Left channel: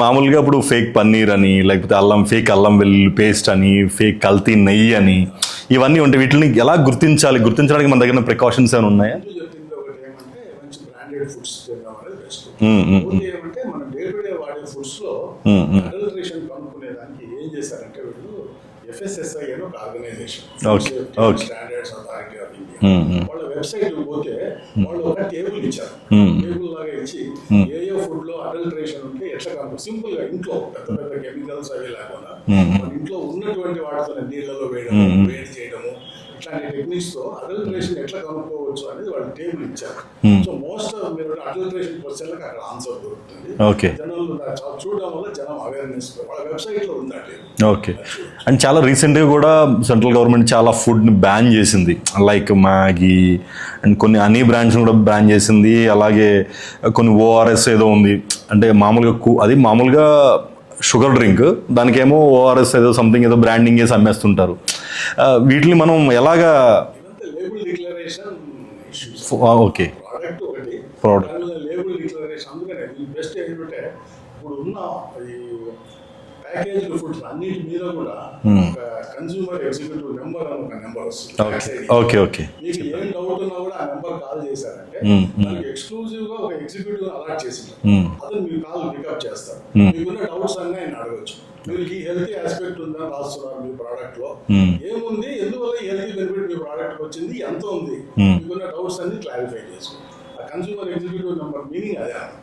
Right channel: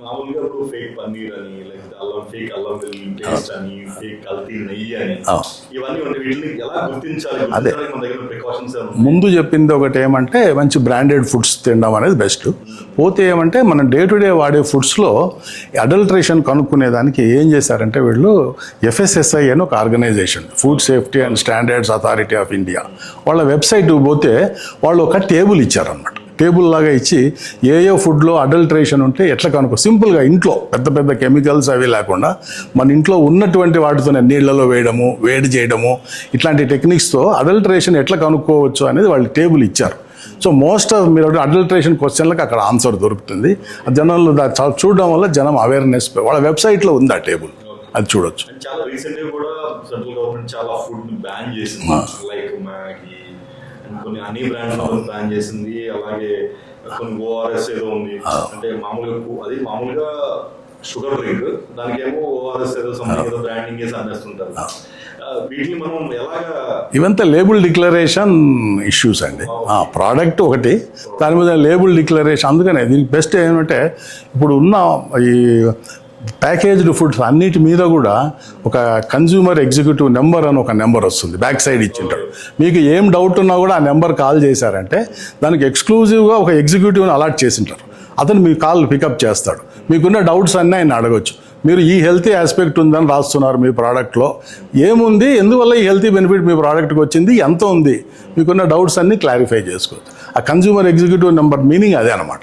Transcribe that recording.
మామూలుగా ఇప్పుడు ఫేక్ పన్నీర్ అని, లేకపోతే ఫేక్ అల్లం వెల్లుల్లి పేస్ట్ అని, ఫేక్ కల్తీ నెయ్యి అని, ఇవన్నీ ఉంటాయి. వీటిని ఎలా గుర్తించడానికి మన దగ్గర ప్రికాషన్స్ ఏమైనా ఉన్నాయి? ముందు చెప్పింది ఒకటి ఏమంటే మంచి బ్రాండెడ్ ఫుడ్స్ తినడం అనేది బెస్ట్. పోతే ఏమంటే మనం డే టు డే వాడే ఫుడ్స్ లో అడల్ట్రేషన్ కనుక్కునేదానికి ఏం చేశారంటే వీళ్ళు FSSAI అని ఒక organization, food safety and standards authority of India, వాళ్ళ వెబ్సైట్ పోతే వాళ్ళు ఒక టేబుల్ ఇచ్చారన్నమాట. టేబుల్ లాగా ఇచ్చి ఏ ఫుడ్ లో అడల్ట్రేషన్ ఉంటే ఎట్లా కనుక్కో, సింపుల్ గా ఇంట్లో పెద్ద పెద్ద కెమికల్స్ అవి లేకుండా మన ఇంట్లో ఉన్నటువంటి వాటితోనే నీళ్లలో వేయడము, వేడి చేయడము, ఇట్లాంటి టెక్నిక్స్ తో అడల్ట్రేషన్ ఎట్లా కనుక్కోవచ్చు అనేది వాళ్ళు టేబుల్ ఇచ్చారు. సో మోస్ట్ ఆఫ్ మీరు అడల్ట్రేషన్ క్వశ్చన్లకు అక్కడ ఆన్సర్ దొరుకుతుంది. జనాలు చూడడం వల్ల జనం అవేర్నెస్, వాళ్ళ వెబ్సైట్ లో ఉంది ఆ టేబుల్, అది చూడొచ్చు. అండ్ చాలా రీసెంట్ గా కూడా సెంట్రల్ గవర్నమెంట్ చాలా ఫుడ్ ని బ్యాన్ చేసింది, లైక్ మ్యాగీ అండ్ కొన్ని అన్ని బ్రాండ్స్ కూడా బ్యాన్ చేసింది. అలాగే కొన్ని ORS ఏదో ఉంది, అంటే మామూలుగా షుగర్ డ్రింక్, దానికేమో ORS ఏదో సంథింగ్ ఏదో బ్రాండింగ్ చేసి అమ్మేస్తుంటారు. వీటిని మనం ఎలాగా, ఇవంతా లేబుల్ డిక్లరేషన్ ఇష్యూస్ అండి. ప్రోడక్ట్ ఒకటి, దాని మీద లేబుల్ డిక్లరేషన్. అందుకనే దీనికి బెస్ట్ ఏమంటే ఇప్పుడు ఉన్న ఈ ప్యాకేజ్డ్ ఫుడ్స్ అన్నిటి మీద కూడా ఒక కన్జ్యూమర్ ఎగ్జిక్యూటివ్ నెంబర్ అని ఒక నెంబర్ వస్తుంది బ్యాక్ సైడ్ ఇచ్చి. మీకు ఏం డౌట్ ఉన్నా కూడా ఆ నెంబర్ కాల్ చేశారంటే దానికి ఎక్స్క్లూజివ్ గా ఒక ఎగ్జిక్యూటివ్ అలాట్ చేసింటారు. అతను మీ కాల్ పికప్ చేస్తాడు. మీకున్న డౌట్స్ అన్నీ ఆయన అడగొచ్చు. మీరు ఈ హెల్తీ ఆస్పెక్ట్ ఉందని రాస్తున్నారు మీ ప్రోడక్ట్ లో, ఏముంది, ఎందువల్ల ఈ హెల్తీ బెనిఫిట్ మీ ప్రోడక్ట్కి వచ్చింది, ఎంత ఉంది, మీకున్న డౌట్స్ అన్ని క్లారిఫై చేసుకోవచ్చు. ఆ కన్జ్యూమర్ ఎగ్జిక్యూటివ్ నెంబర్ మీనింగ్ అదే అనమాట.